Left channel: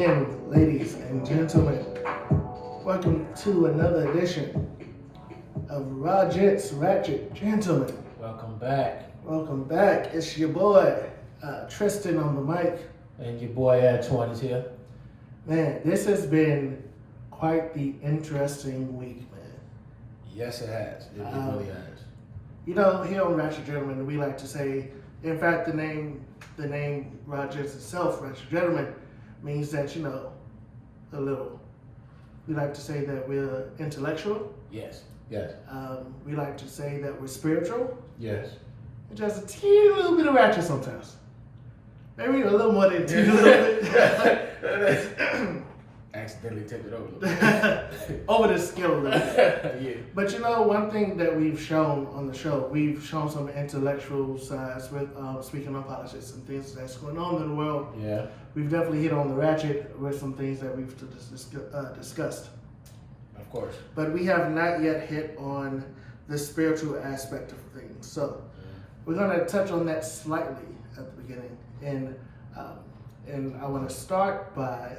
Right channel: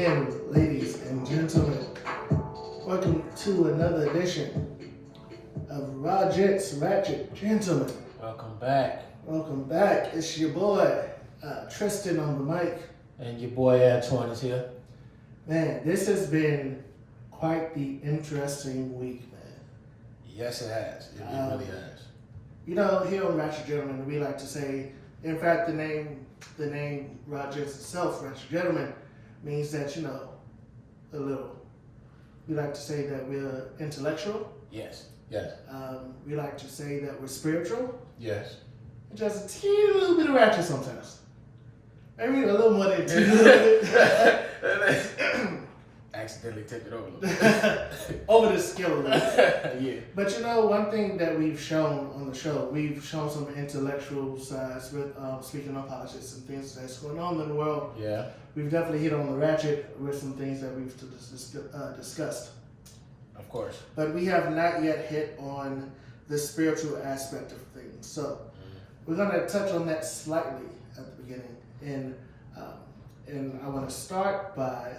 again, ladies and gentlemen. Welcome to another edition of Ra-Gents, Ratchet Gentlemen. Welcome back. Welcome back. It's your boy, Tristan on the mic. And your boy Antoine is here. Man, this has been quite the interesting week, man. Yes, it has. It really has. You know, here on Ratchet Gentlemen, we like to say, in fact, the name Ra-Gents itself, Ratchet Gentlemen, means that, you know, we like to say that we're intellectual. Yes. We like to say that we're spiritual. Yes. And just a teeny little bit of ratchet sometimes. Maybe a little more than a teeny little bit. Accidentally tipped it over a little bit. Over the scale a little bit. Yeah. But you know, one thing that we've shown on the show, we've shown some intellectual sides with speaking of politics and things that's going on in the world. Yeah. We've definitely hit on the ratchet with some things that we've discussed. Of course. But we have not yet hit on the spiritual aspect of things. So we're going to touch on that slightly at the beginning. And I want to start by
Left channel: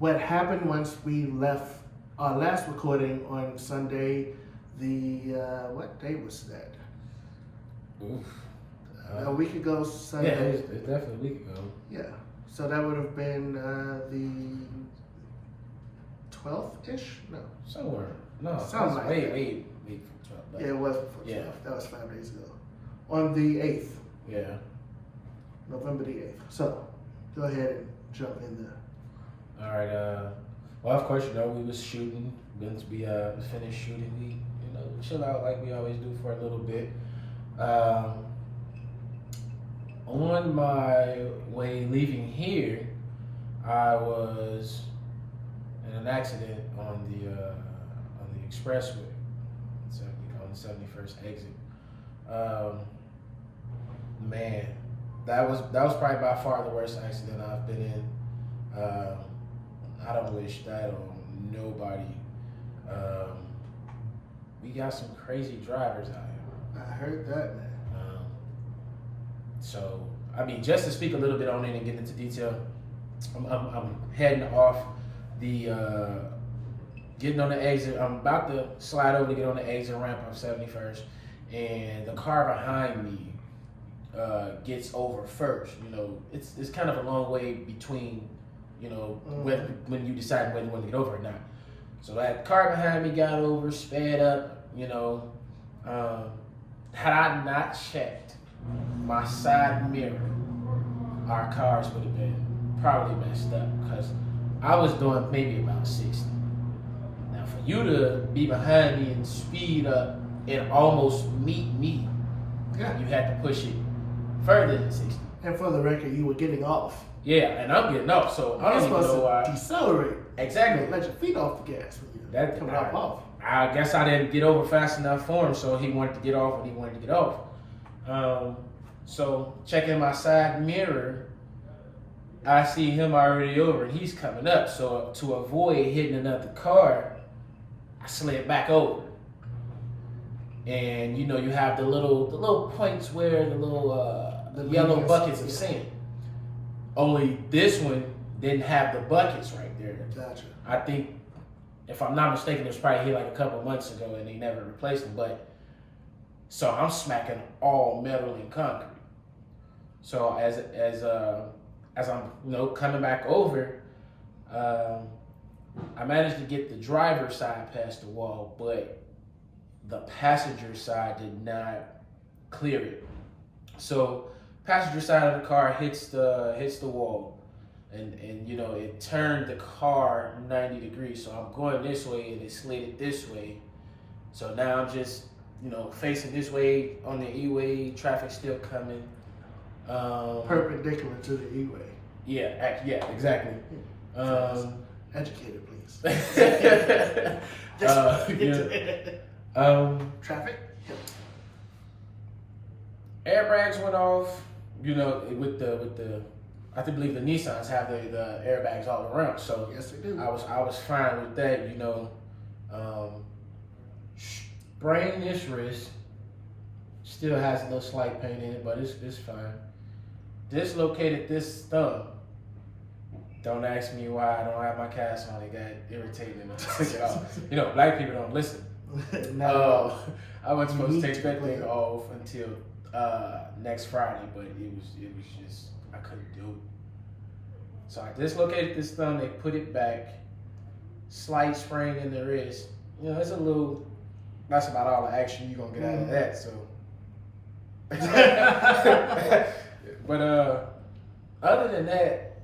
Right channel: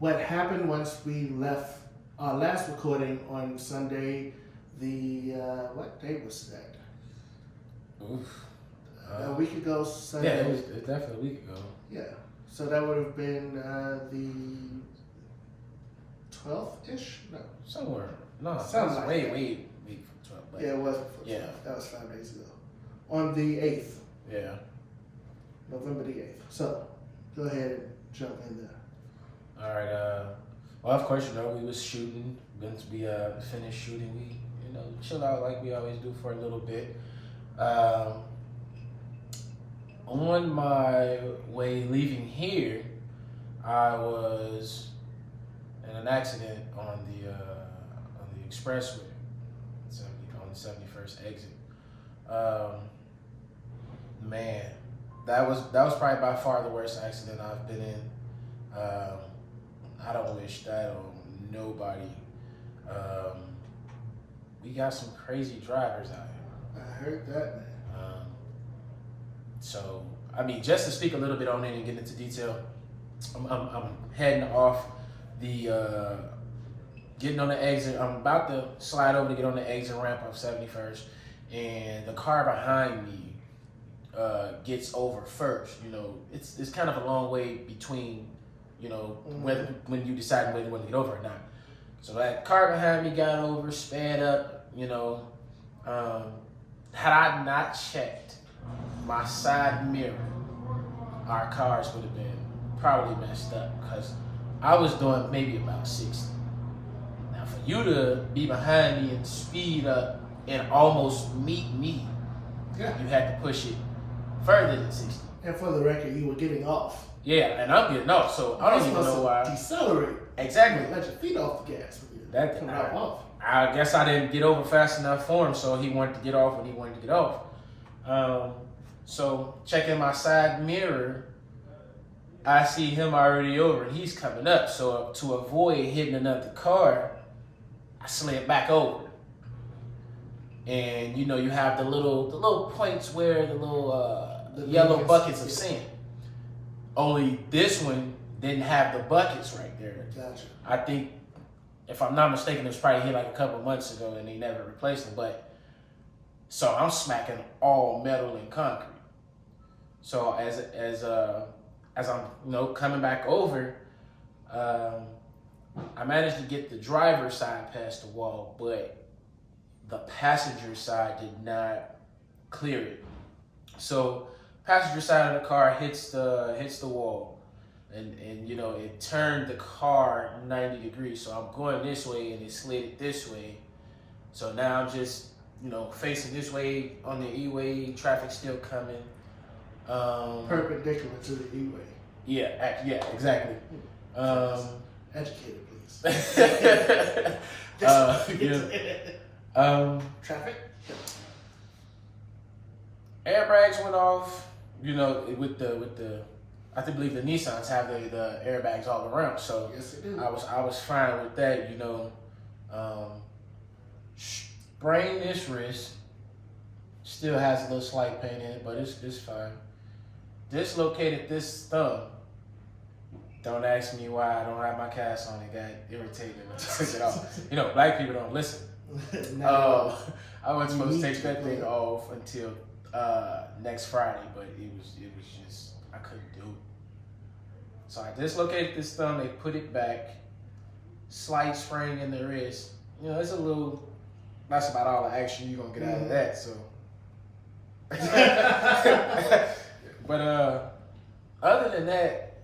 what happened once we left our last recording on Sunday. What day was that? Oof. A week ago Sunday. Yeah, it's definitely a week ago. Yeah. So that would have been the 12th-ish? No. Somewhere. No, Something like wait that. from 12. But Yeah, it was before 12. Yeah. That was 5 days ago. On the 8th. Yeah. November the 8th. So, go ahead and jump in there. All right. Well, of course, you know, we was shooting. Once we finished shooting, we, you know, chill out like we always do for a little bit. On my way leaving here, I was in an accident on the expressway, on the 71st exit. Man, that was probably by far the worst accident I've been in. I don't wish that on nobody. We got some crazy drivers out here. I heard that, man. So, I mean, just to speak a little bit on it and get into detail, I'm heading off getting on the exit. I'm about to slide over to get on the exit ramp of 71st, and the car behind me gets over first. You know, it's kind of a long way between, you know, when you decide whether you want to get over or not. So that car behind me got over, sped up, you know. Had I not checked my side mirror, our cars would have been probably messed up, because I was doing maybe about 60. Now for you to be behind me and speed up and almost meet me, you had to push it further than 60. And for the record, you were getting off. Yeah, and I'm getting off, so I don't even know why. Decelerate. Exactly. Let your feet off the gas with you. That coming off. I guess I didn't get over fast enough for him, so he wanted to get off when he wanted to get off. So checking my side mirror, I see him already over. He's coming up, so to avoid hitting another car, I slid back over. And you know, you have the little points where the yellow buckets of sand. Only this one didn't have the buckets right there. Gotcha. I think, if I'm not mistaken, it was probably here like a couple of months ago and they never replaced them. But so I'm smacking all metal and concrete. So as I'm, you know, coming back over, I managed to get the driver's side past the wall, but the passenger side did not clear it. So passenger side of the car hits the wall, and you know, it turned the car 90 degrees. So I'm going this way and it slid it this way. So now I'm just, you know, facing this way on the E-way, traffic still coming. Perpendicular to the E-way. Yeah, exactly. Educated, please. Traffic. Yep. Airbags went off. You know, with the I believe the Nissans have the airbags all around. So yes, they do. I was fine with that. You know, sprained this wrist. Still has a little slight pain in it, but it's fine. Dislocated this thumb. Don't ask me why I don't have my cast on. It got irritating and I took it off. You know, black people don't listen. I wasn't supposed to take that thing off until next Friday, but it was just I couldn't do it. So I dislocated this thumb. They put it back. Slight sprain in the wrist. You know, it's a little. That's about all the action you're gonna get out of that. So. But other than that,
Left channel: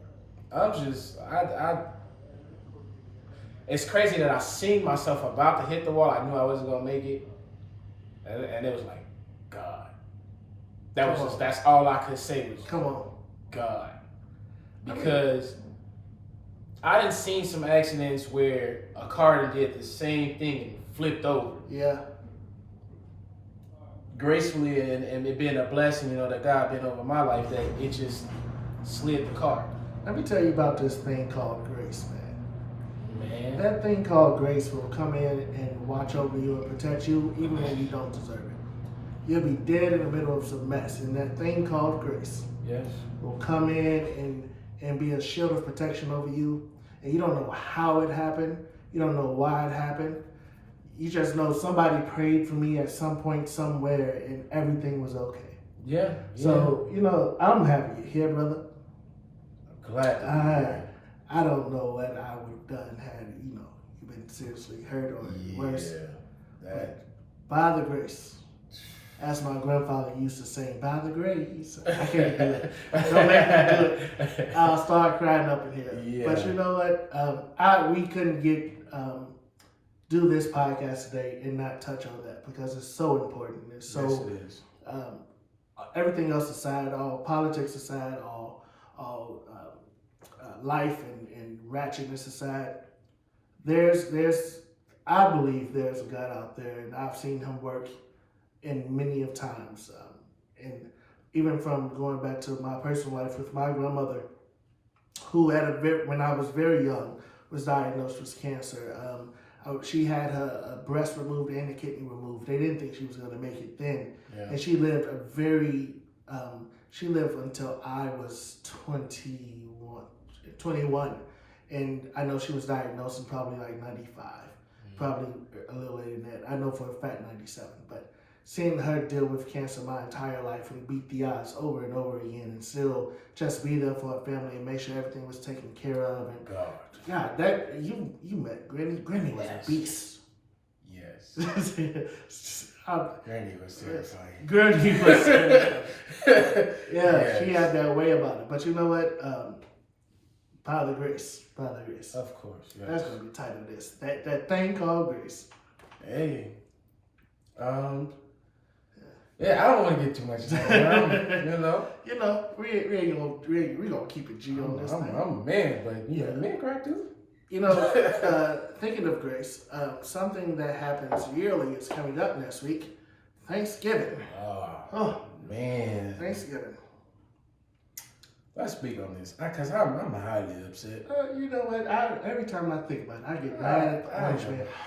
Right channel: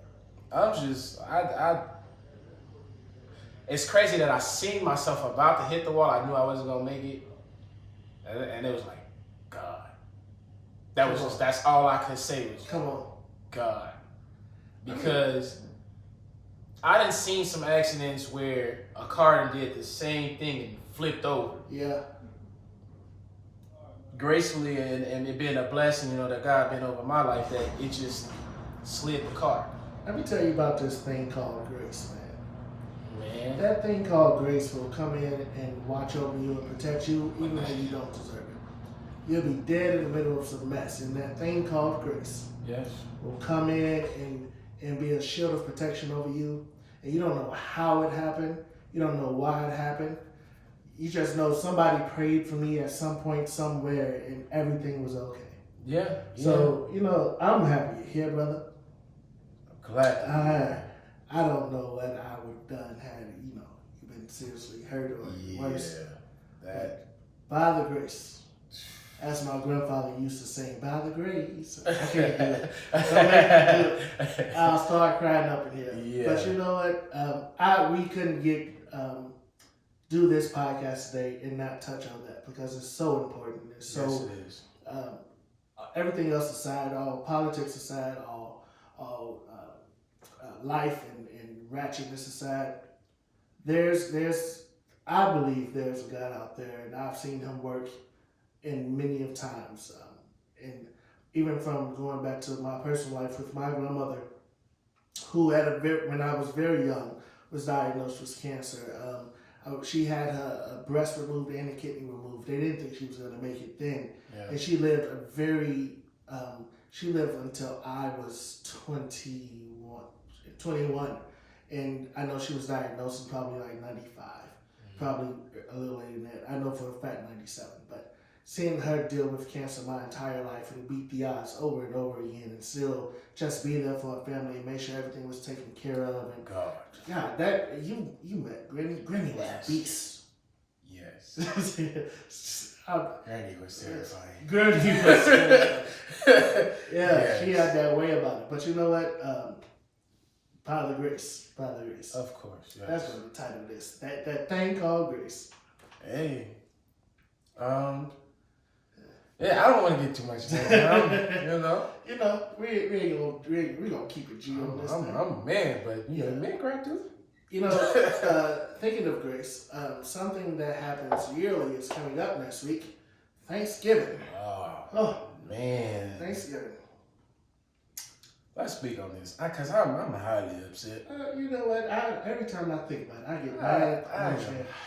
I'm just I. It's crazy that I seen myself about to hit the wall. I knew I wasn't gonna make it, and it was like, God. That was just that's all I could say was come on, God, because I done seen some accidents where a car done did the same thing and flipped over. Yeah. Gracefully and it being a blessing, you know, that God been over my life, that it just slid the car. Let me tell you about this thing called grace, man. That thing called grace will come in and watch over you and protect you even when you don't deserve it. You'll be dead in the middle of some mess, and that thing called grace will come in and be a shield of protection over you. And you don't know how it happened. You don't know why it happened. You just know somebody prayed for me at some point somewhere and everything was okay. Yeah. So, you know, I'm happy you're here, brother. I'm glad. I don't know what I would have done had, you know, you've been seriously hurt or worse. That. By the grace. As my grandfather used to say, by the grace. I can't do it. Don't make me do it. I'll start crying up in here. Yeah. But you know what? We couldn't get do this podcast today and not touch on that because it's so important. It's so yes, it is. Everything else aside, all politics aside, all life and ratchetness aside, there's I believe there's a God out there, and I've seen him work in many of times, and even from going back to my personal life with my grandmother, who when I was very young was diagnosed with cancer. She had her breast removed and a kidney removed. They didn't think she was going to make it then. Yeah. And she lived she lived until I was 21. And I know she was diagnosed in probably like 95, probably a little later than that. I know for a fact 97. But seeing her deal with cancer my entire life and beat the odds over and over again and still just be there for her family and make sure everything was taken care of. And God, that you met Granny. Granny was a beast. Yes. Granny was terrifying. Granny was terrifying. Yes. She had that way about it. But you know what? By the grace. Of course. Yes. That's gonna be the title of this. That thing called grace. Hey. Yeah, I don't want to get too much down, You know, we gonna keep it G on this. I'm a man, but men cry too. You know, thinking of grace, something that happens yearly is coming up next week. Thanksgiving. Oh man. Thanksgiving. Let's speak on this, cause I'm highly upset. You know what? Every time I think about it, I get mad. I'm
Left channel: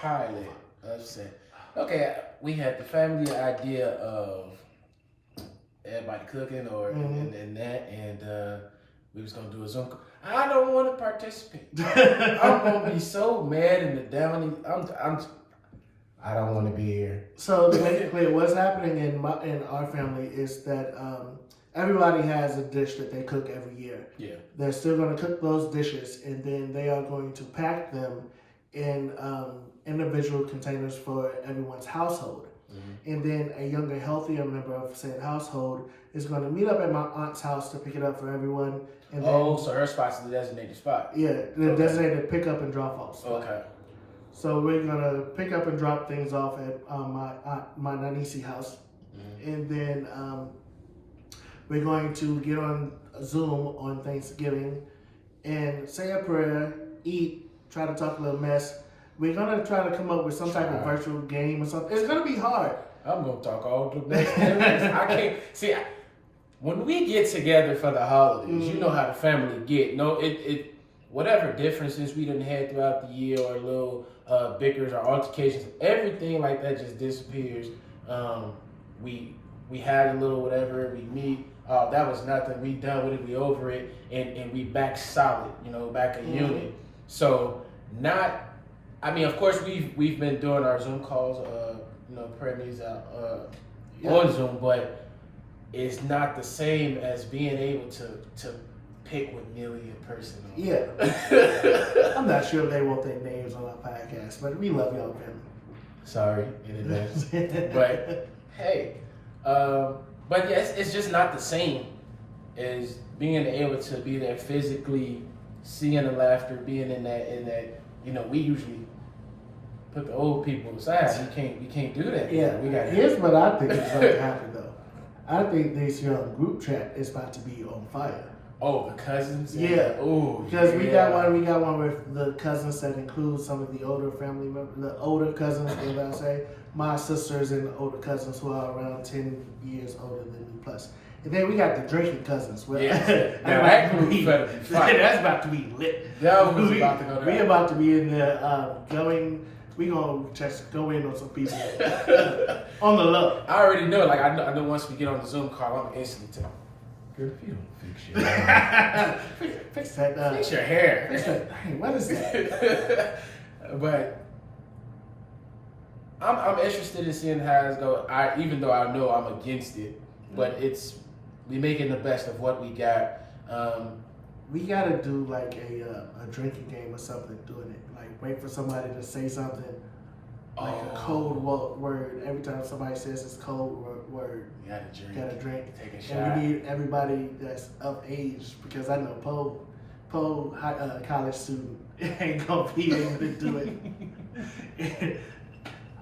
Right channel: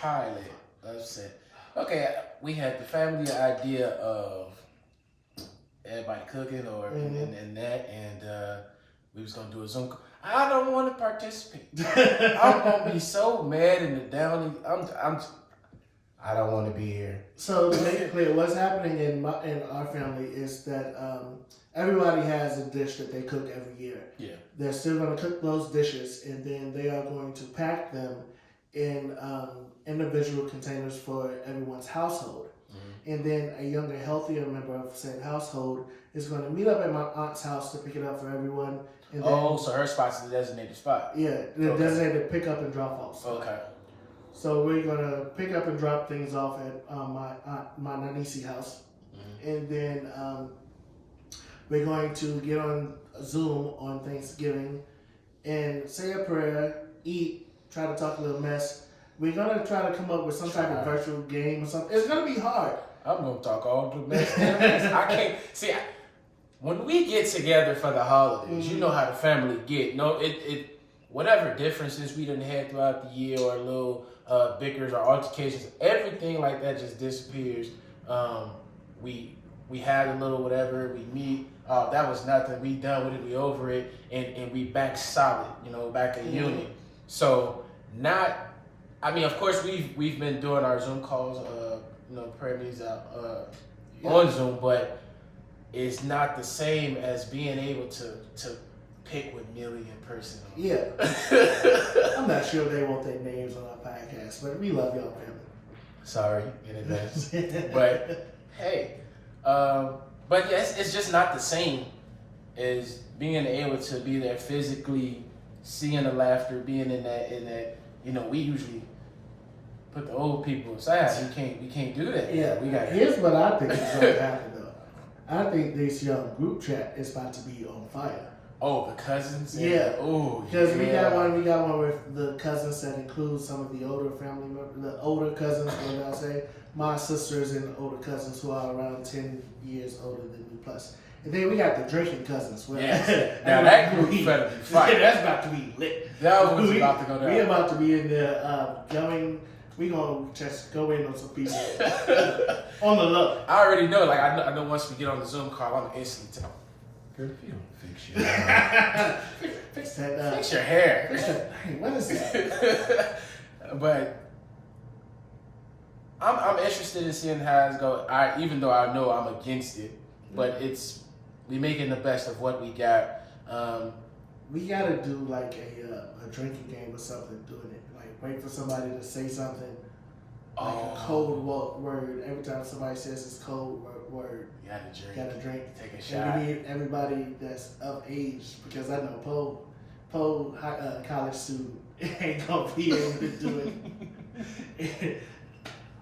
highly upset. Okay, we had the family idea of everybody cooking and we was gonna do a Zoom. I don't want to participate. I'm gonna be so mad in the downy. I don't want to be here. So to make it clear, what's happening in our family is that everybody has a dish that they cook every year. Yeah, they're still going to cook those dishes, and then they are going to pack them in individual containers for everyone's household. Mm-hmm. And then a younger, healthier member of said household is going to meet up at my aunt's house to pick it up for everyone. And then, so her spot's the designated spot. Yeah, the designated pick up and drop off spot. Okay. So we're going to pick up and drop things off at my Nanisi house. Mm-hmm. And then we're going to get on Zoom on Thanksgiving and say a prayer, eat, try to talk a little mess. We're going to try to come up with some type of virtual game or something. It's going to be hard. I'm going to talk all the mess. I can't. See, when we get together for the holidays, you know how the family get. No, it whatever differences we done had throughout the year or little bickers or altercations, everything like that just disappears. We we have a little whatever, we meet. That was nothing. We done with it. We over it, and we back solid. Back a unit. So not. I mean, of course, we've been doing our Zoom calls, prayer meetings on Zoom, but it's not the same as being able to pick with Millie in person. Yeah. I'm not sure if they want their names on our podcast, but we love y'all, family. Sorry in advance. But hey, but yes, it's just not the same as being able to be there physically, seeing the laughter, being in that. We usually put the old people aside. We can't do that. Yeah, we got. Here's what I think is going to happen though. I think this young group chat is about to be on fire. Oh, the cousins. Yeah. Oh, because we got one with the cousins that includes some of the older family members, the older cousins. What I say? My sisters and older cousins who are around 10 years older than me plus. And then we got the drinking cousins. Now that group better be fighting. That's about to be lit. That was about to go down. We about to be in there we gonna just go in on some people on the low. I already know. Like I know once we get on the Zoom call, I'm instantly tell. Girl, if you don't fix your hair, fix that. Fix your hair. Fix that. Hey, what is that? But I'm interested in seeing how it's go. Even though I know I'm against it, but we making the best of what we got. We gotta do like a drinking game or something. Doing it like wait for somebody to say something. Like a code word. Every time somebody says it's code word, you gotta drink. Take a shot. And we need everybody that's of age because I know Poe college student ain't gonna be able to do it.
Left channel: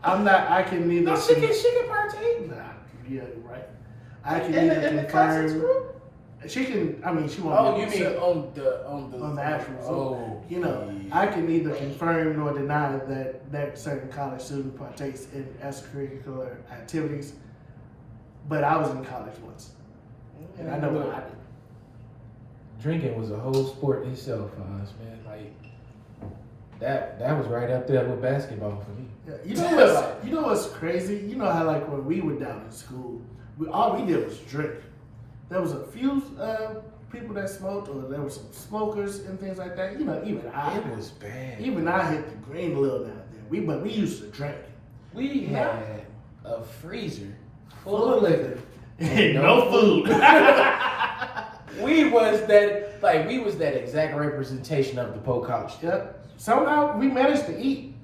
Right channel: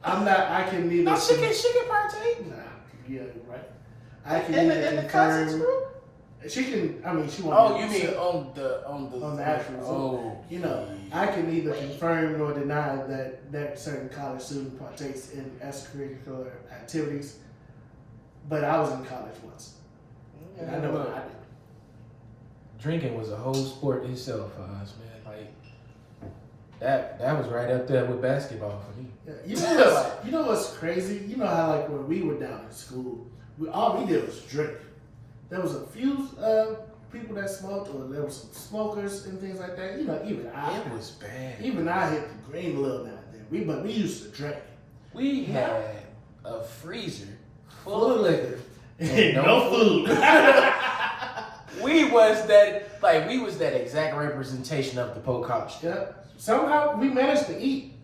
I can neither. No, she can partake. Nah, yeah, right. I can neither in the cousins group. She can. I mean, she won't. Oh, you mean on the actual Zoom? I can neither confirm nor deny that certain college student partakes in extracurricular activities. But I was in college once, and I know what I did. Drinking was a whole sport in itself for us, man. Like that was right up there with basketball for me. Yeah. You know what's crazy? You know how like when we were down in school, all we did was drink. There was a few people that smoked, or there were some smokers and things like that. Even I. It was bad. Even I hit the green a little now and then. But we used to drink. We had a freezer full of liquor and no food. we was that exact representation of the Polk College. Yep. Somehow we managed to eat.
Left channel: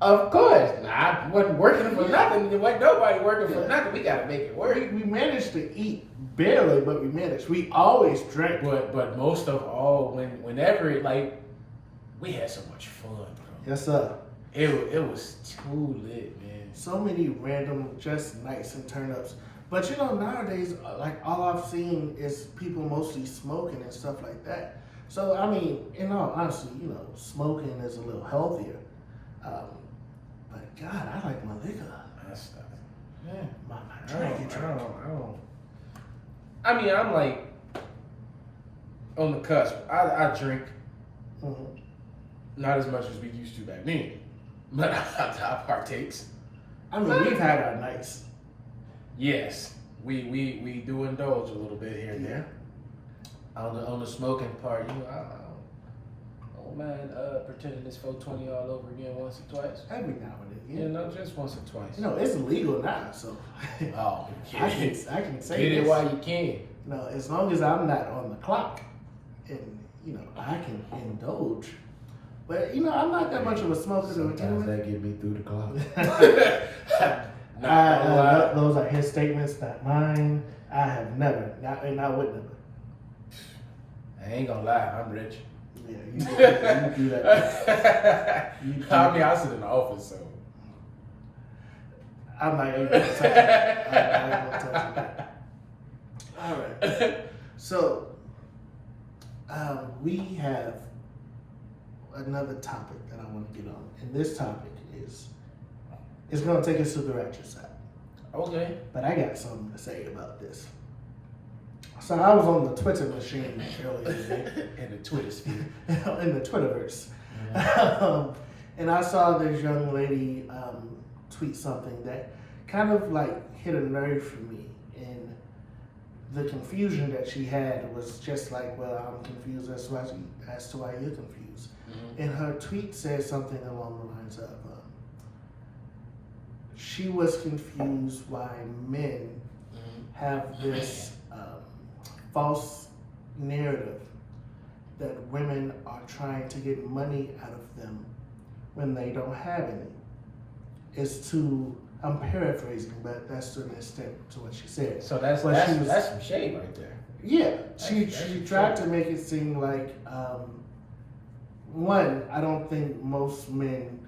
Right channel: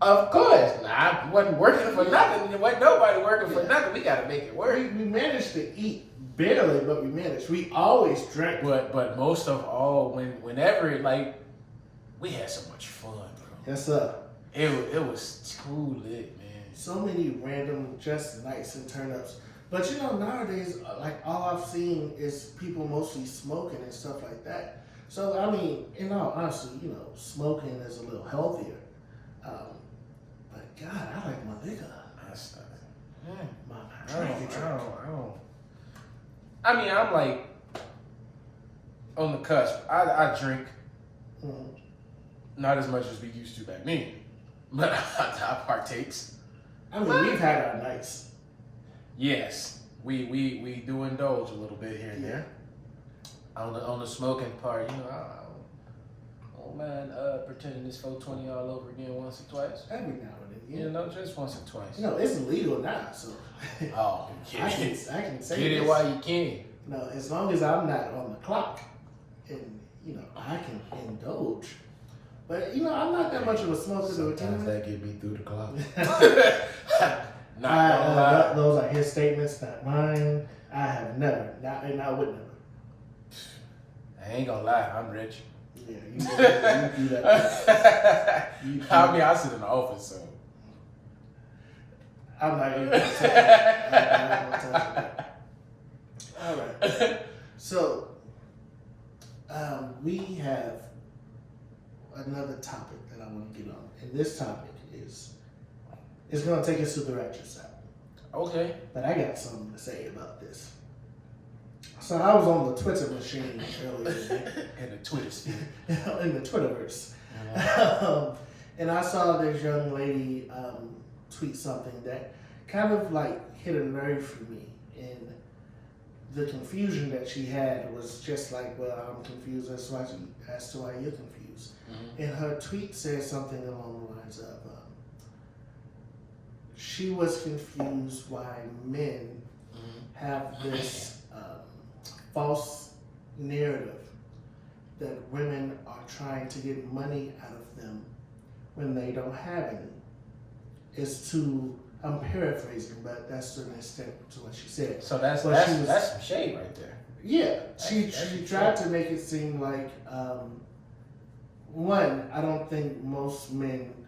Of course. I wasn't working for nothing. There wasn't nobody working for nothing. We got to make it work. We managed to eat barely, but we managed. We always drank. But most of all, whenever we had so much fun, bro. Yes, sir. It was too lit, man. So many random just nights and turn-ups. But nowadays, like all I've seen is people mostly smoking and stuff like that. So I mean, in all honesty, smoking is a little healthier. But God, I like my liquor. I mean, I'm like on the cusp. I drink, not as much as we used to back then, but I partakes. I mean, we've had our nights. Yes, we do indulge a little bit here and there. On the smoking part, I don't mind pretending this 420 all over again once or twice. Every now and then. Just once or twice. It's illegal now, so. Oh, I can say get it this. while you can. No, as long as I'm not on the clock, and I can indulge. But I'm not that much of a smoker. Sometimes that get me through the clock. Those are his statements, not mine. I have never, and I would never. I ain't gonna lie, I'm rich. Yeah, you do that. I mean, I sit in the office, so. I'm not even gonna touch it. All right. So, we have another topic that I want to get on. And this topic it's going to take us to the ratchet side. Okay. But I got something to say about this. So I was on the Twitter machine earlier today. In the Twitter sphere. In the Twitterverse. And I saw this young lady tweet something that kind of like hit a nerve for me. And the confusion that she had was just like, well, I'm confused as to why you're confused. Mm-hmm. And her tweet said something along the lines of, she was confused why men have this false narrative that women are trying to get money out of them when they don't have any. I'm paraphrasing, but that's to an extent to what she said. So that's some shade right there. Yeah, she tried to make it seem like, one, I don't think most men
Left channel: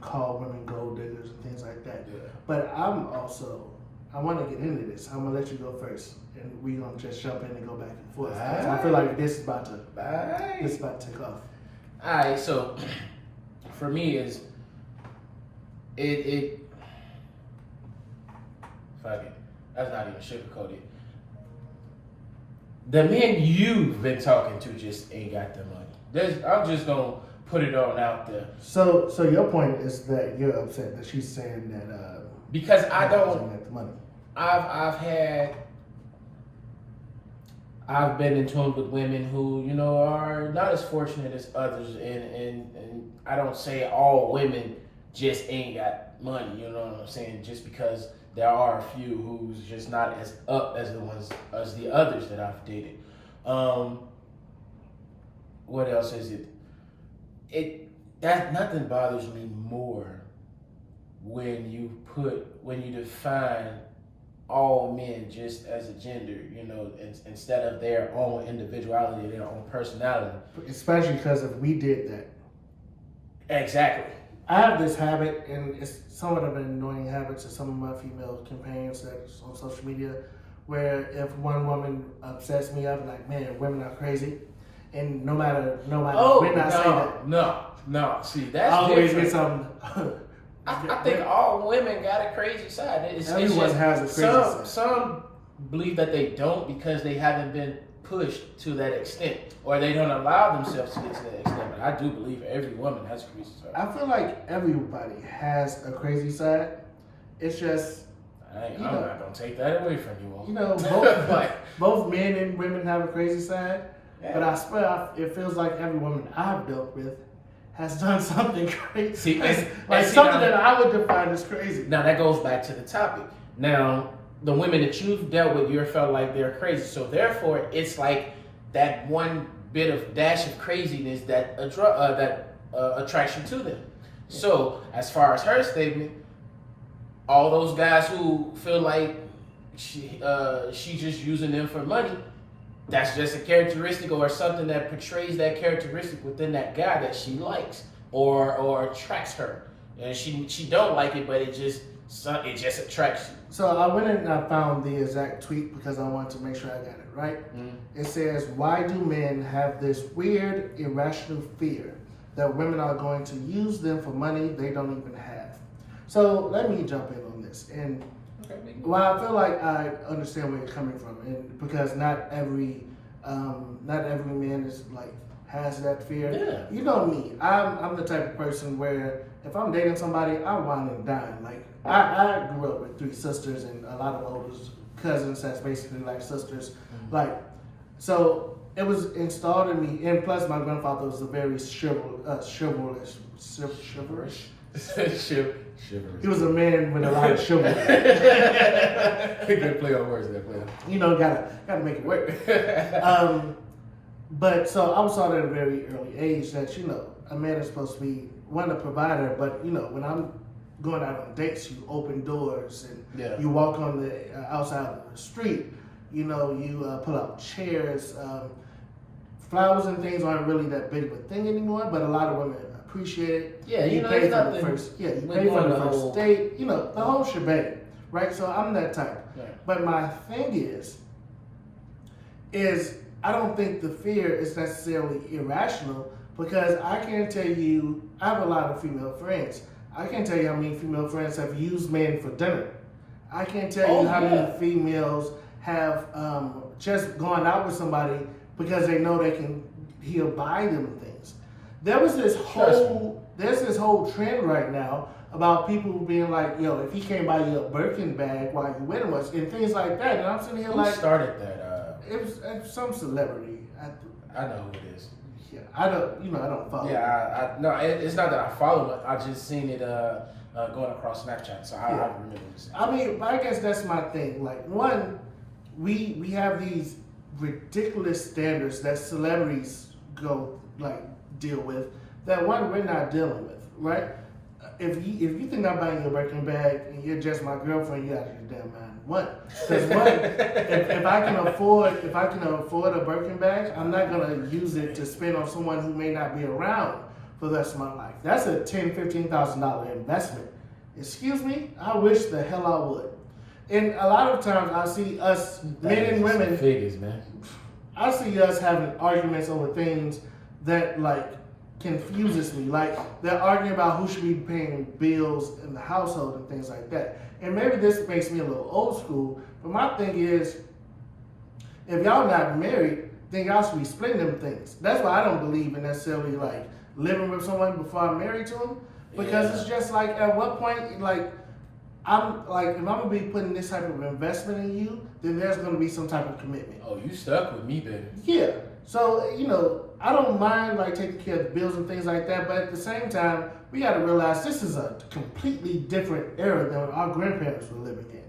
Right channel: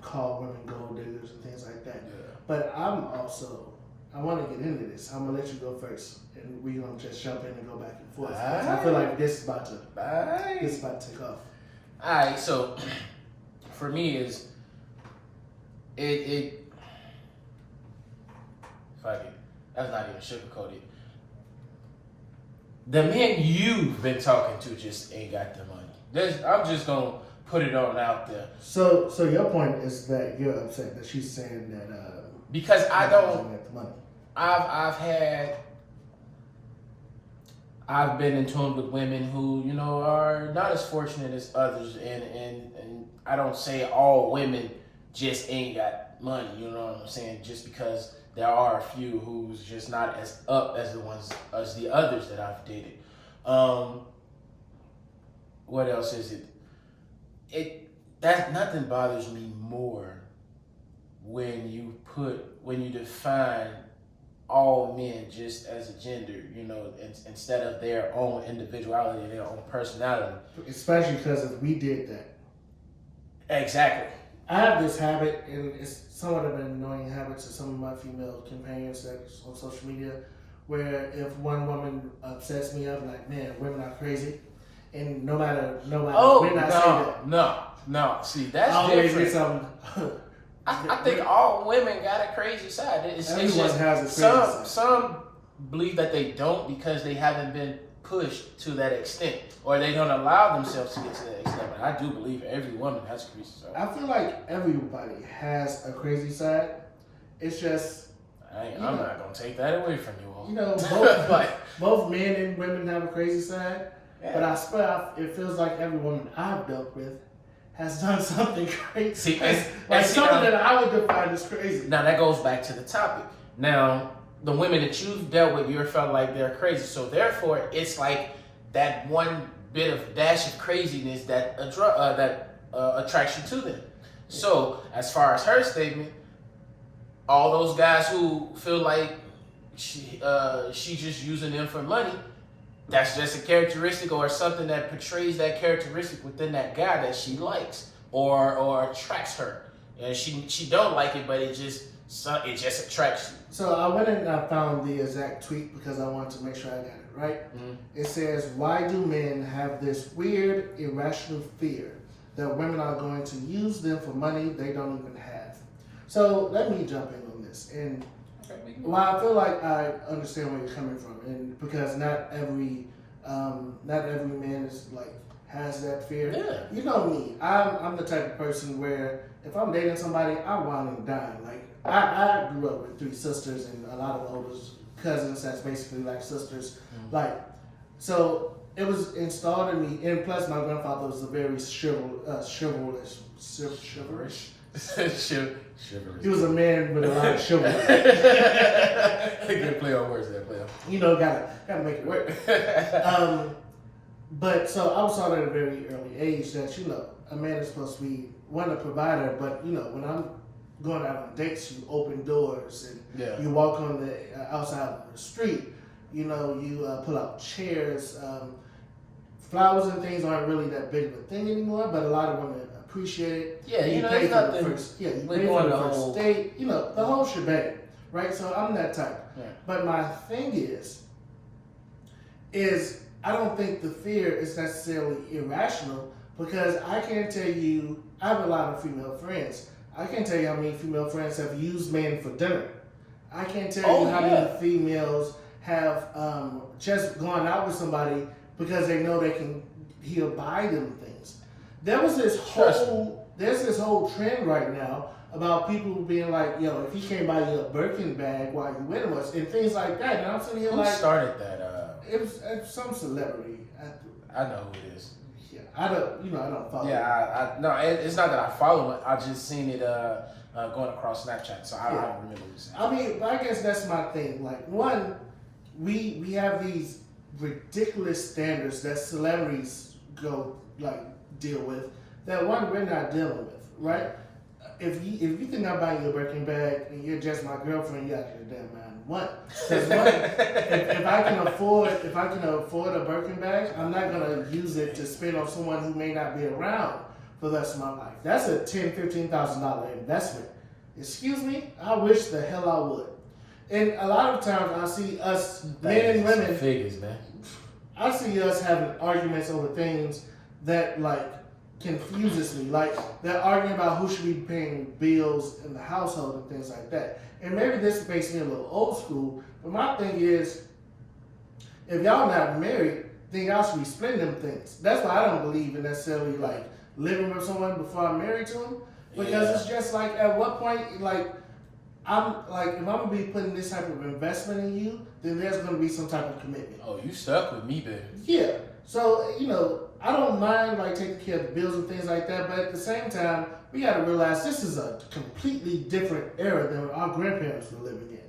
call women gold diggers and things like that. Yeah. But I want to get into this. I'm going to let you go first, and we're going to just jump in and go back and forth. I feel like this is about to take off. All right, so for me is fuck it. That's not even sugarcoated. The men you've been talking to just ain't got the money. I'm just gonna put it on out there. So your point is that you're upset that she's saying that because I don't get the money. I've been in tune with women who, you know, are not as fortunate as others, and I don't say all women just ain't got money, you know what I'm saying? Just because there are a few who's just not as up as the others that I've dated. What else is it? That nothing bothers me more when you define all men just as a gender, you know, instead of their own individuality, their own personality. Especially because if we did that. Exactly. I have this habit, and it's somewhat of an annoying habit to some of my female companions that's on social media, where if one woman upsets me, I'm like, man, women are crazy. And no matter when I say that. No. See, that's always different. Something. I think all women got a crazy side. Everyone has a crazy side. Some believe that they don't because they haven't been pushed to that extent, or they don't allow themselves to get to that extent. But I do believe every woman has a crazy side. I feel like everybody has a crazy side. It's just I'm not gonna take that away from you all. You know, both men and women have a crazy side. Yeah. But I swear, it feels like every woman I've dealt with has done something crazy. Something that I would define as crazy. Now that goes back to the topic. Now, the women that you've dealt with, you felt like they're crazy. So therefore, it's like that one bit of dash of craziness that attracts you to them. So as far as her statement, all those guys who feel like she's just using them for money, that's just a characteristic or something that portrays that characteristic within that guy that she likes or attracts her. And she don't like it, but it just attracts you. So I went and I found the exact tweet because I wanted to make sure I got it right. Mm-hmm. It says, why do men have this weird, irrational fear that women are going to use them for money they don't even have? So let me jump in on this. And well, I feel like I understand where you're coming from, and because not every man is like has that fear. Yeah. You know me. I'm the type of person where if I'm dating somebody, I wine and dine. Like I grew up with 3 sisters and a lot of older cousins that's basically like sisters. Mm-hmm. Like so it was installed in me, and plus my grandfather was a very chivalrous. He was a man with a lot of chivalry. Good play on words, You know, gotta make it work. But so I was taught at a very early age that, you know, a man is supposed to be a provider, but you know, when I'm going out on dates, you open doors and you walk on the outside of the street. You know, you pull out chairs. Flowers and things aren't really that big of a thing anymore, but a lot of women appreciate it. Yeah, you know, pay for the first. Yeah, you pay for the first date. You know, the whole shebang, right? So I'm that type. Right. But my thing is I don't think the fear is necessarily irrational, because I can't tell you. I have a lot of female friends. I can't tell you how many female friends have used men for dinner. I can't tell you how many females have just gone out with somebody because they know he'll buy them things. There's this whole trend right now about people being like, yo, if he can't buy you a Birkin bag while you with him, and things like that. And I'm sitting here Who like, started that? it was some celebrity. I know who it is. Yeah, I don't follow. Yeah, no, it's not that I follow it. I just seen it going across Snapchat, so I remember what you said. I mean, but I guess that's my thing. Like, one, we have these ridiculous standards that celebrities deal with that one we're not dealing with, right? If you think I'm buying you a Birkin bag and you're just my girlfriend, you out of your damn mind. One, because if I can afford a Birkin bag, I'm not gonna use it to spend on someone who may not be around for the rest of my life. That's a $10,000-$15,000 investment. Excuse me? I wish the hell I would. And a lot of times I see us men and women figures, man. I see us having arguments over things that like confuses me. Like they're arguing about who should be paying bills in the household and things like that. And maybe this makes me a little old school, but my thing is, if y'all not married, then y'all should be splitting them things. That's why I don't believe in necessarily like living with someone before I'm married to them, because it's just like at what point like I'm like if I'm gonna be putting this type of investment in you, then there's gonna be some type of commitment. Oh, you stuck with me, baby. Yeah. So, I don't mind like taking care of the bills and things like that, but at the same time, we gotta realize this is a completely different era than our grandparents were living in.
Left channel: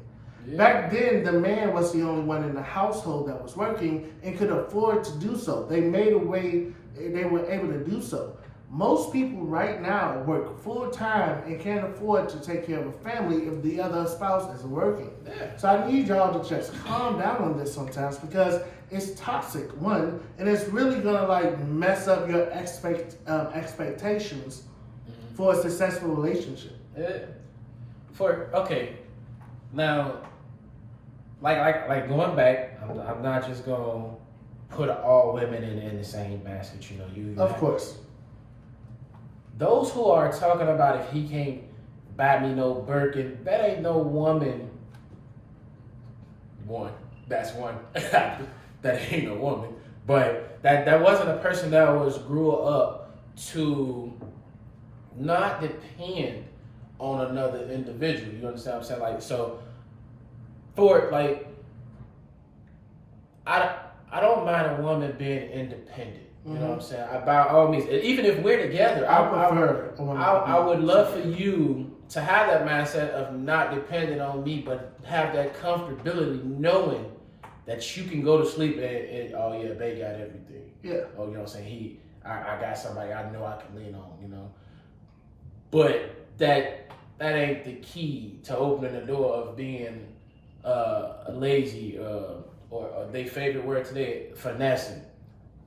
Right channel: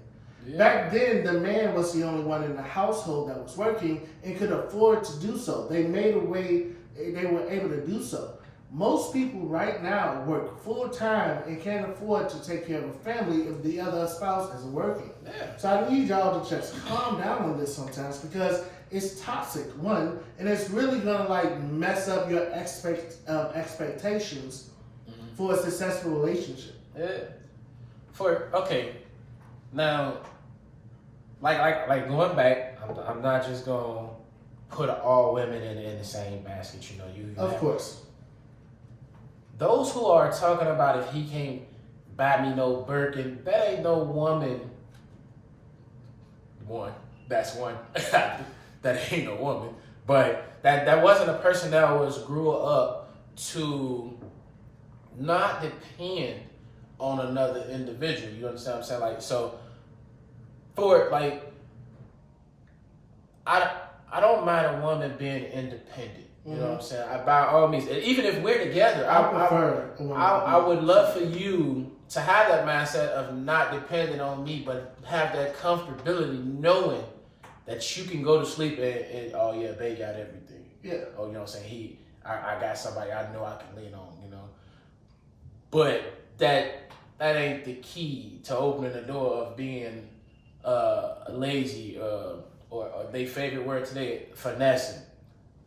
Yeah. Back then, the man was the only one in the household that was working and could afford to do so. They made a way, they were able to do so. Most people right now work full time and can't afford to take care of a family if the other spouse isn't working. Yeah. So I need y'all to just calm down on this sometimes because it's toxic, one, and it's really gonna like mess up your expectations for a successful relationship. Yeah. Now, like going back, I'm not just gonna put all women in the same basket. Of course. Those who are talking about if he can't buy me no Birkin, that ain't no woman. That's one. That ain't no woman. But that wasn't a person that grew up to not depend on another individual. You understand what I'm saying? Like, so for like, I don't mind a woman being independent. You know what I'm saying? By all means, even if we're together, I would love for you to have that mindset of not depending on me, but have that comfortability knowing that you can go to sleep and oh yeah, babe got everything. Yeah. Oh, you know what I'm saying? I got somebody I know I can lean on, But that ain't the key to opening the door of being lazy or their favorite word today, finessing.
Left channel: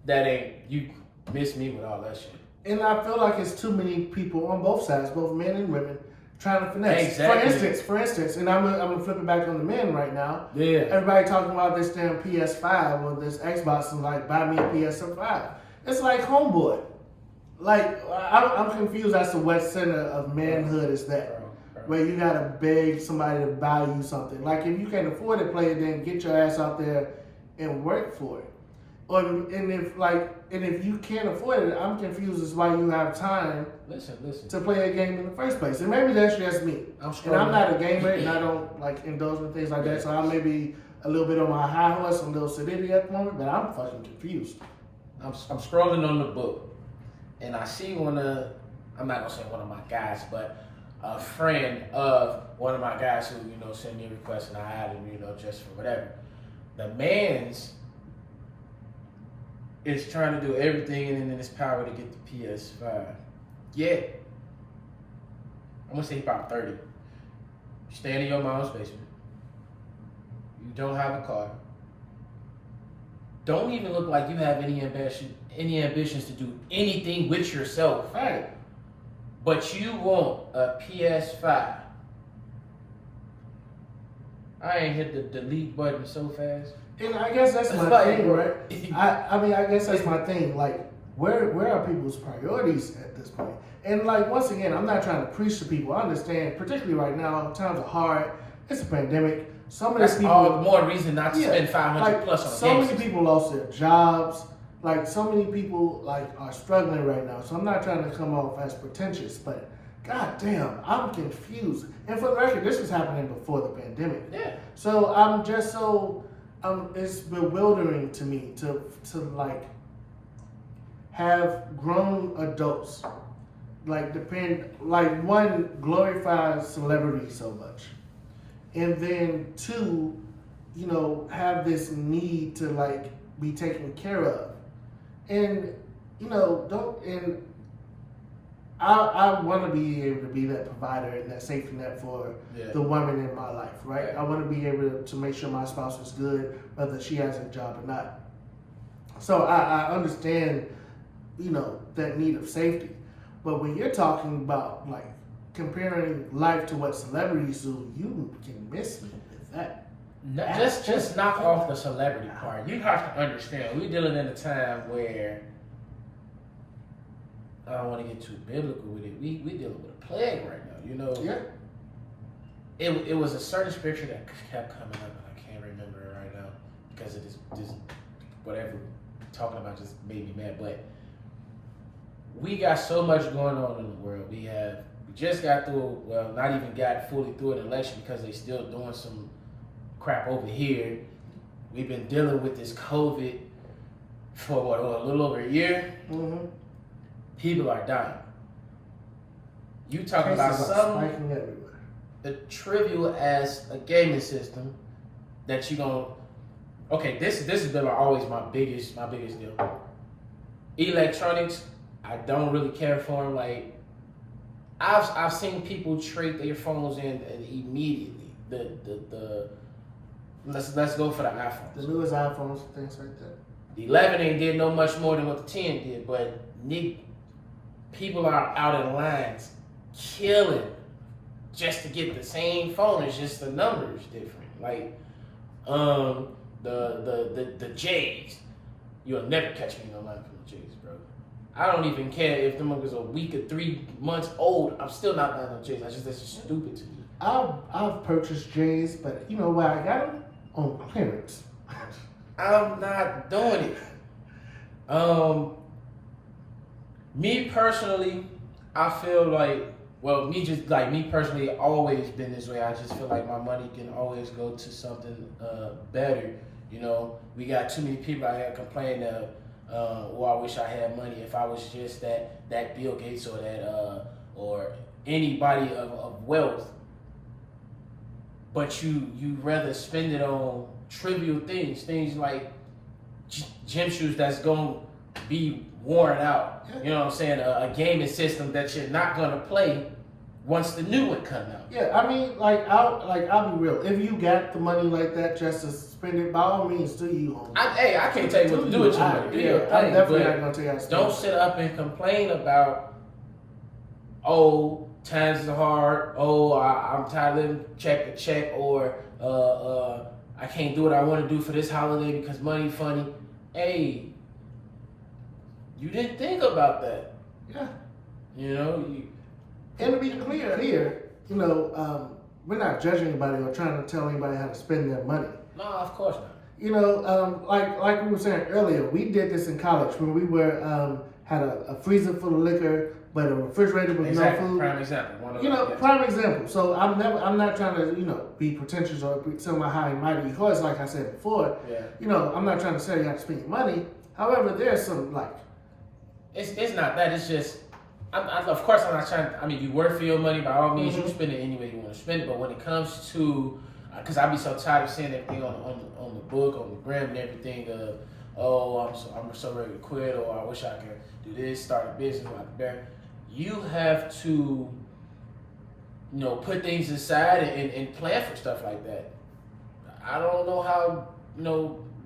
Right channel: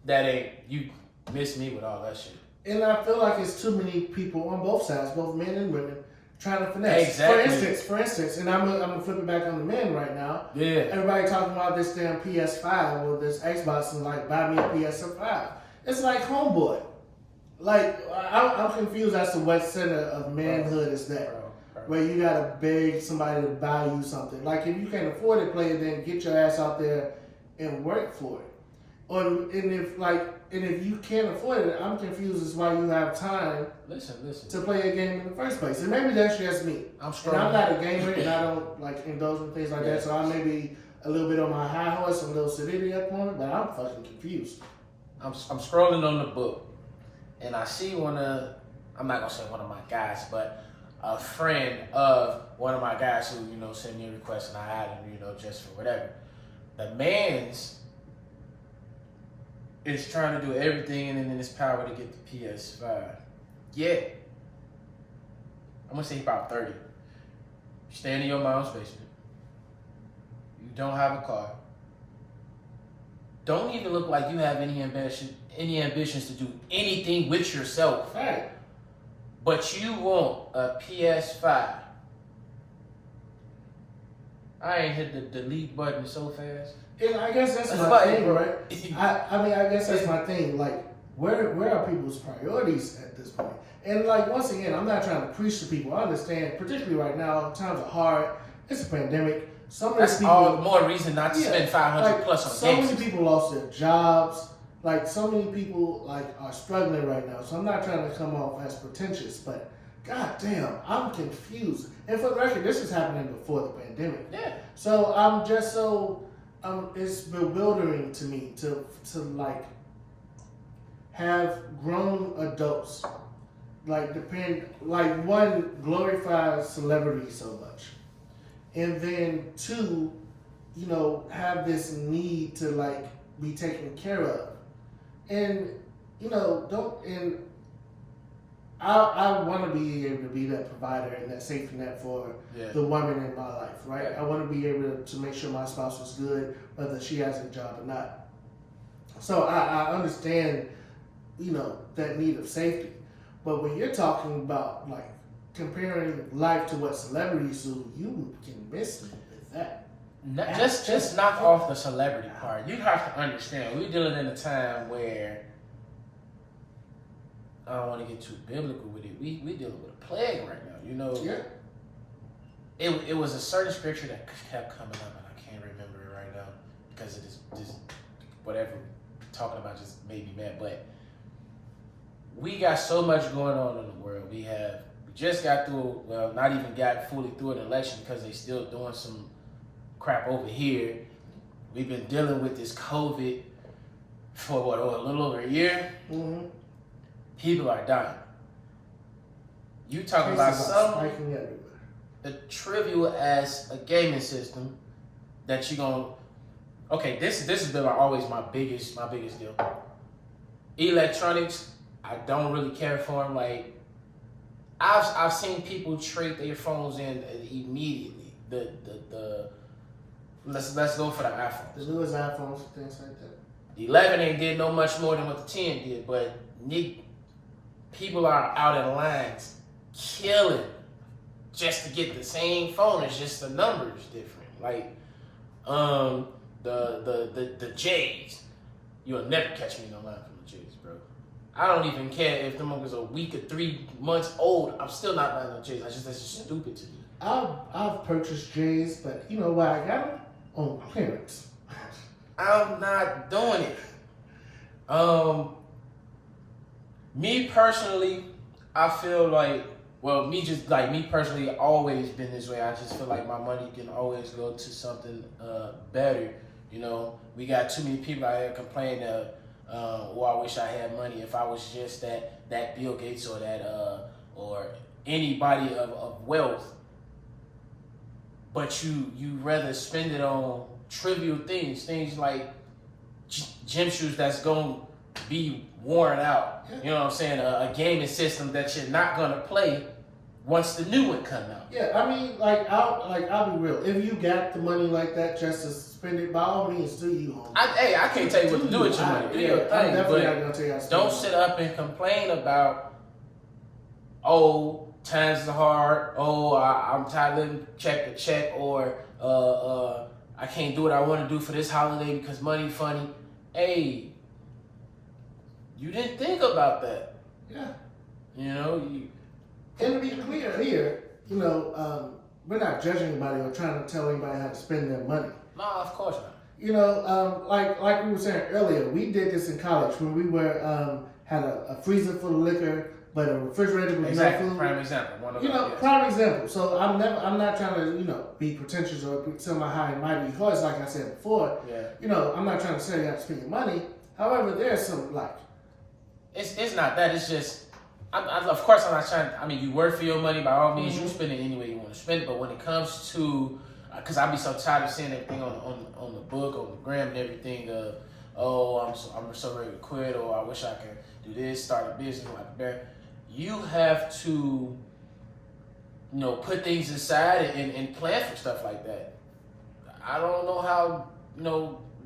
That ain't, you miss me with all that shit. And I feel like it's too many people on both sides, both men and women, trying to finesse. Exactly. For instance, and I'm gonna flip it back on the men right now. Yeah. Everybody talking about this damn PS5 or this Xbox and like buy me a PS5. It's like homeboy. Like I'm confused as to what center of manhood is that. Where you gotta beg somebody to buy you something. Like if you can't afford it, play it, then get your ass out there and work for it. And if you can't afford it, I'm confused as why you have time listen to play a game in the first place. And maybe that's just me. I'm not a gamer and I don't like indulge in things like that. So I may be a little bit on my high horse and a little sedity at the moment, but I'm fucking confused. I'm scrolling on the book and I see I'm not gonna say one of my guys, but a friend of one of my guys who, sent me a request and I added, just for whatever. The man's is trying to do everything in his power to get the PS5. Yet, I'm gonna say he's about 30. You're staying in your mom's basement. You don't have a car. Don't even look like you have any ambitions to do anything with yourself. Right. But you want a PS5. I ain't hit the delete button so fast. And I guess that's my thing, right? I guess that's my thing. Like, where are people's priorities at this point? And like, once again, I'm not trying to preach to people. I understand, particularly right now, times are hard. It's a pandemic. That's all the more reason not to spend $500 plus on a game. So many people lost their jobs. Like, so many people are struggling right now. So I'm not trying to come off as pretentious, but God damn, I'm confused. And for the record, this is happening before the pandemic. Yeah. So I'm just so it's bewildering to me to like have grown adults like one glorifies celebrity so much, and then two, have this need to like be taken care of, and don't and I want to be able to be that provider and that safety net for the woman in my life, right? Yeah. I want to be able to make sure my spouse is good, whether she has a job or not. So I understand, that need of safety. But when you're talking about like comparing life to what celebrities do, you can miss me with that. Just knock off the celebrity part. You have to understand, we're dealing in a time where I don't want to get too biblical with it. We dealing with a plague right now. Yeah. It was a certain scripture that kept coming up, and I can't remember it right now because it is just whatever talking about just made me mad. But we got so much going on in the world. We just got through. Well, not even got fully through an election because they still doing some crap over here. We've been dealing with this COVID for a little over a year. Mm-hmm. People are dying. You talking about something spiking everywhere. The trivial as a gaming system that you gonna. Okay, this has been always my biggest deal. Electronics, I don't really care for them. Like I've seen people trade their phones in immediately. Let's go for the iPhones. The newest iPhones and things like that. The 11 ain't did no much more than what the 10 did, but people are out in lines killing just to get the same phone. It's just the numbers different. Like the J's. You'll never catch me in no line from the J's, bro. I don't even care if the was a week or 3 months old. I'm still not buying no J's. That's just stupid to me. I've purchased J's, but you know why I got them? On clearance. I'm not doing it. Me personally, I feel like, me personally, always been this way. I just feel like my money can always go to something better. We got too many people out here complaining that, I wish I had money. If I was just that Bill Gates or that or anybody of wealth, but you rather spend it on trivial things like gym shoes that's gonna be worn out. You know what I'm saying? A gaming system that you're not gonna play once the new one come out. Yeah, I mean, I'll be real. If you got the money like that just to spend it, by all means, do you, homie. I can't tell you what to do with your money. Do your thing, I'm definitely not but gonna tell you how to spend don't it. sit up and complain about, times are hard. I'm tired of living check to check, or I can't do what I want to do for this holiday because money funny. Hey, you didn't think about that. Yeah. And to be clear here, we're not judging anybody or trying to tell anybody how to spend their money. No, of course not. Like we were saying earlier, we did this in college when we were had a freezer full of liquor, but a refrigerator with no food. Prime example. Prime example. So I'm not trying to be pretentious or tell my high and mighty because, like I said before, I'm not trying to tell you how to spend your money. However, there's some it's not that. It's just. Of course, I'm not trying. You work for your money. By all means, you spend it any way you want to spend it. But when it comes to, because I be so tired of seeing everything on the book, on the gram, and everything. I'm so ready to quit, or I wish I could do this, start a business, like that. You have to, put things aside and plan for stuff like that. I don't know how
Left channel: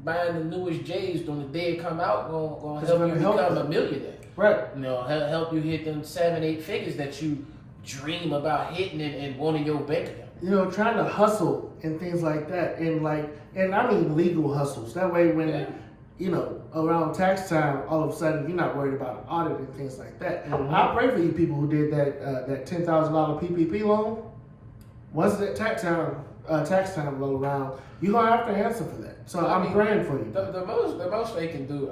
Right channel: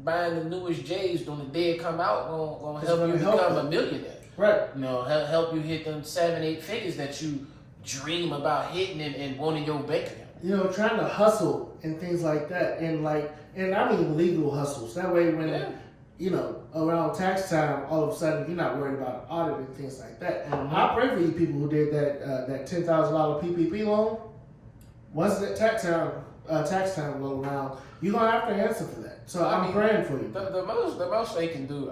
buying the newest J's on the day it come out gonna help you become a millionaire. Right. Help you hit them 7-8 figures that you dream about hitting and wanting your bank account. Trying to hustle and things like that, and I mean legal hustles. That way, when around tax time, all of a sudden you're not worried about an audit and things like that. Mm-hmm. I pray for you people who did that $10,000 PPP loan. Once that tax time roll around, you're gonna have to answer for that. So I'm praying for you. The most they can do,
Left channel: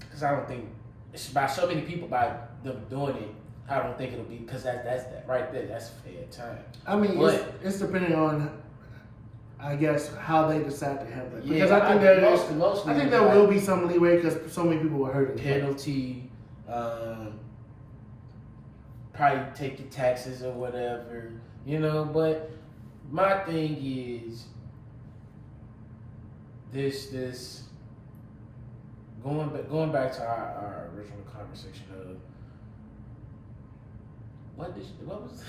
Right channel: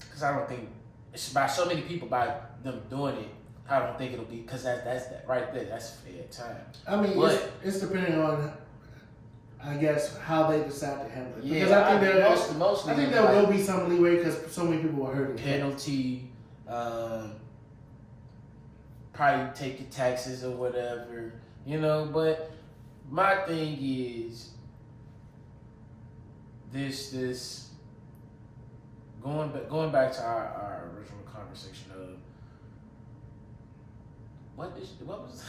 because I don't think. It's by so many people by them doing it. I don't think it'll be because that's that right there. That's fair time. I mean, But, it's depending on, I guess, how they decide to handle it. yeah, Because I think mostly I think there will be some leeway because so many people were hurt. penalty, probably take the taxes or whatever, you know. But my thing is this going back to our original conversation of what was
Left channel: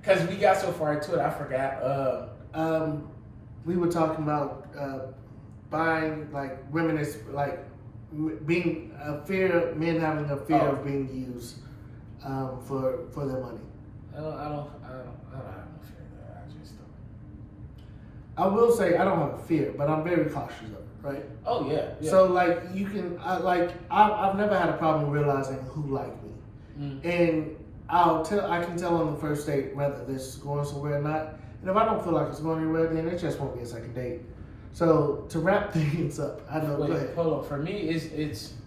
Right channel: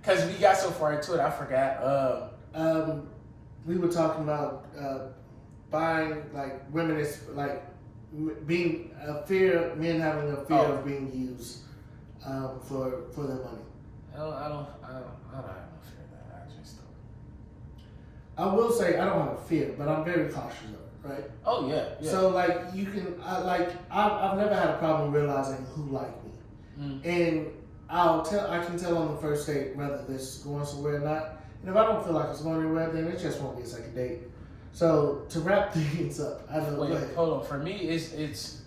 because we got so far into it, I forgot. We were talking about buying, like, women is like being a fear, men having a fear of being used for their money. I don't have no fear of that. I just don't. I will say I don't have a fear, but I'm very cautious of it, right? Oh yeah. So like you can, I've never had a problem realizing who like me, and I can tell on the first date whether this is going somewhere or not. And if I don't feel like it's going anywhere, then it just won't be a second date. So to wrap things up, I know. Wait, hold on. For me, it's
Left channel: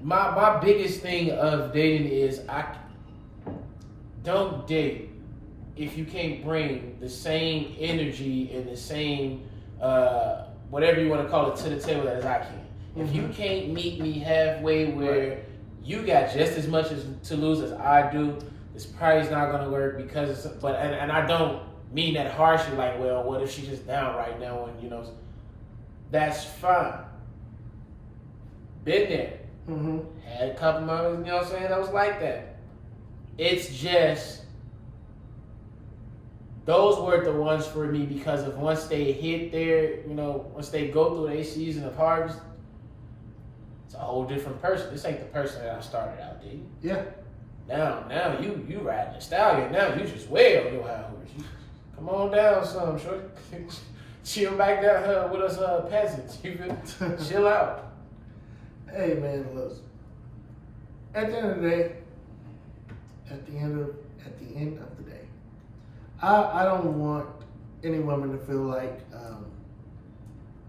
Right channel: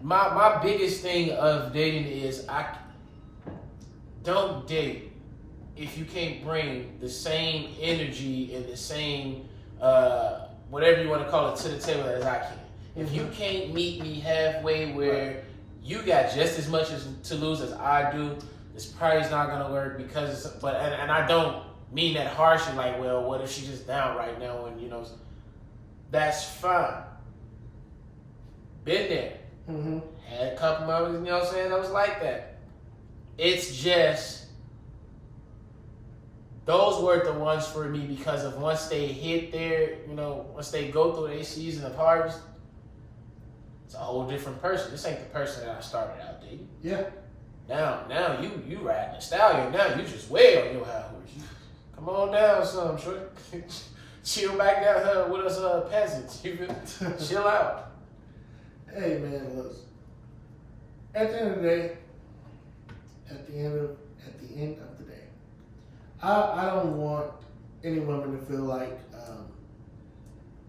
my biggest thing of dating is I don't date if you can't bring the same energy and the same whatever you want to call it to the table as I can. If you can't meet me halfway where you got just as much to lose as I do, it's probably not gonna work because and I don't mean that harshly, like, well, what if she's just down right now and you know that's fine. Been there. Had a couple moments, you know what I'm saying, that was like that. It's just those were the ones for me because of once they hit their, you know, once they go through their season of harvest, it's a whole different person. This ain't the person that I started out dating. Yeah. Now you riding a stallion. Now you just way on your high horse. Come on down, son. Short. Chill back down with us peasants. You feel? Chill out. Hey man, look. At the end of the day, at the end of the day, I don't want any woman to feel like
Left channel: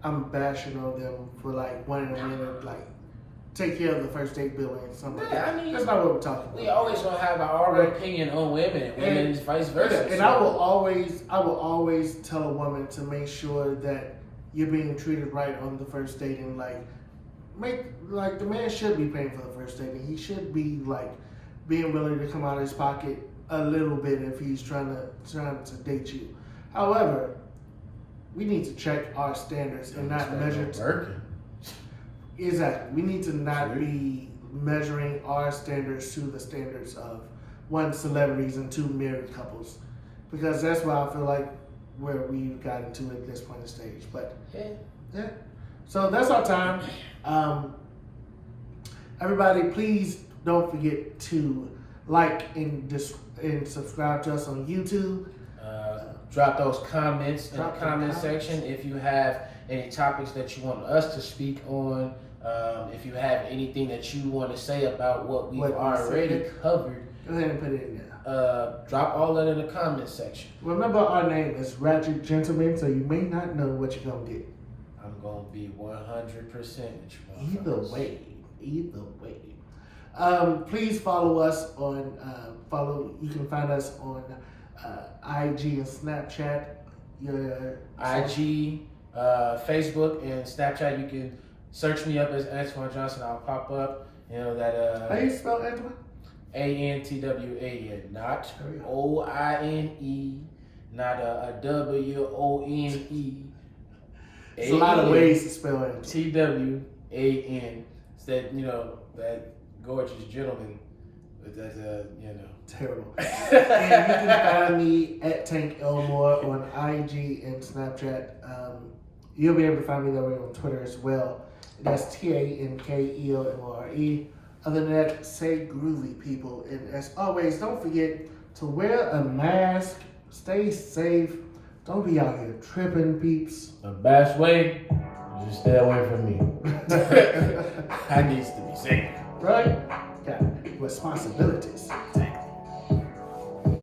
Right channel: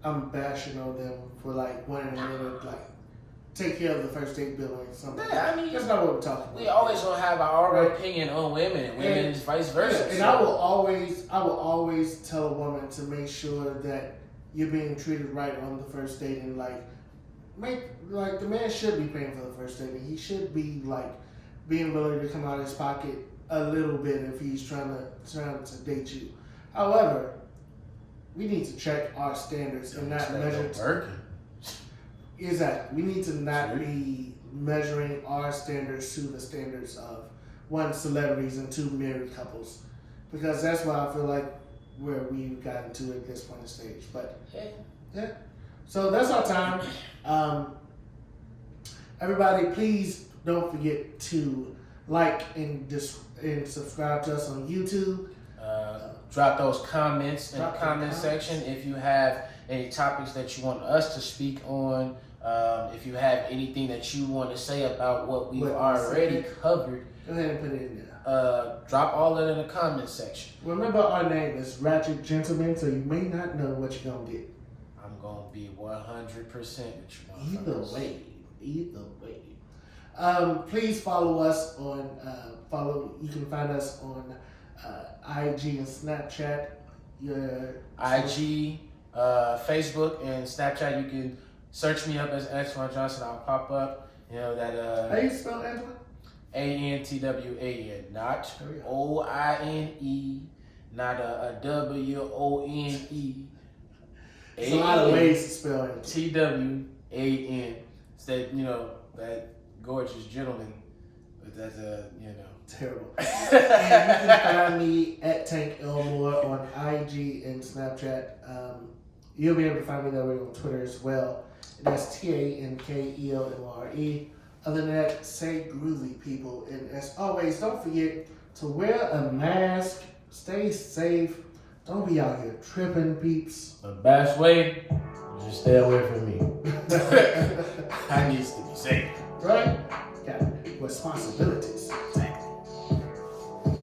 I'm bashing on them for like wanting a minute, like take care of the first date bill and something. Yeah, I mean, that's not what we're talking about. We always gonna have our opinion on women, and vice versa. Yeah, and I will always tell a woman to make sure that you're being treated right on the first date, and the man should be paying for the first date, and he should be like being willing to come out of his pocket a little bit if he's trying to date you. However, we need to check our standards and not measure. Exactly. We need to not be measuring our standards to the standards of one, celebrities, and two, married couples, because that's why I feel like where we've gotten to at this point in stage. But yeah. So that's our time. Everybody, please don't forget to like and subscribe to us on YouTube. Drop those comments in the comment section if you have any topics that you want us to speak on. If you have anything that you want to say about what we've already covered, go ahead and put it in there. Drop all that in the comment section. Remember, our name is Ra-Gents Gentlemen, so you may not know what you're gonna get. I'm gonna be 100% with you. Either way. Please follow us on you can find us on IG and Snapchat. IG, Facebook, and Snapchat. You can search me up as Antoine Johnson. I'll pop up. You know that. How do you spell Antoine? ANTWAN, not OINE, not a WONE. There's a lot of ways to spell it. TWAN. It's that, you know, that gorgeous gentleman with that, terrible. And you can find me at Tank Elmore on IG and Snapchat. You'll be able to find me that way on Twitter as well. That's TANKELMORE. Other than that, stay groovy, people. And as always, don't forget to wear a mask. Stay safe. Don't be out here tripping, peeps. The best way is just stay away from me. I need to be safe. Right? Got responsibilities.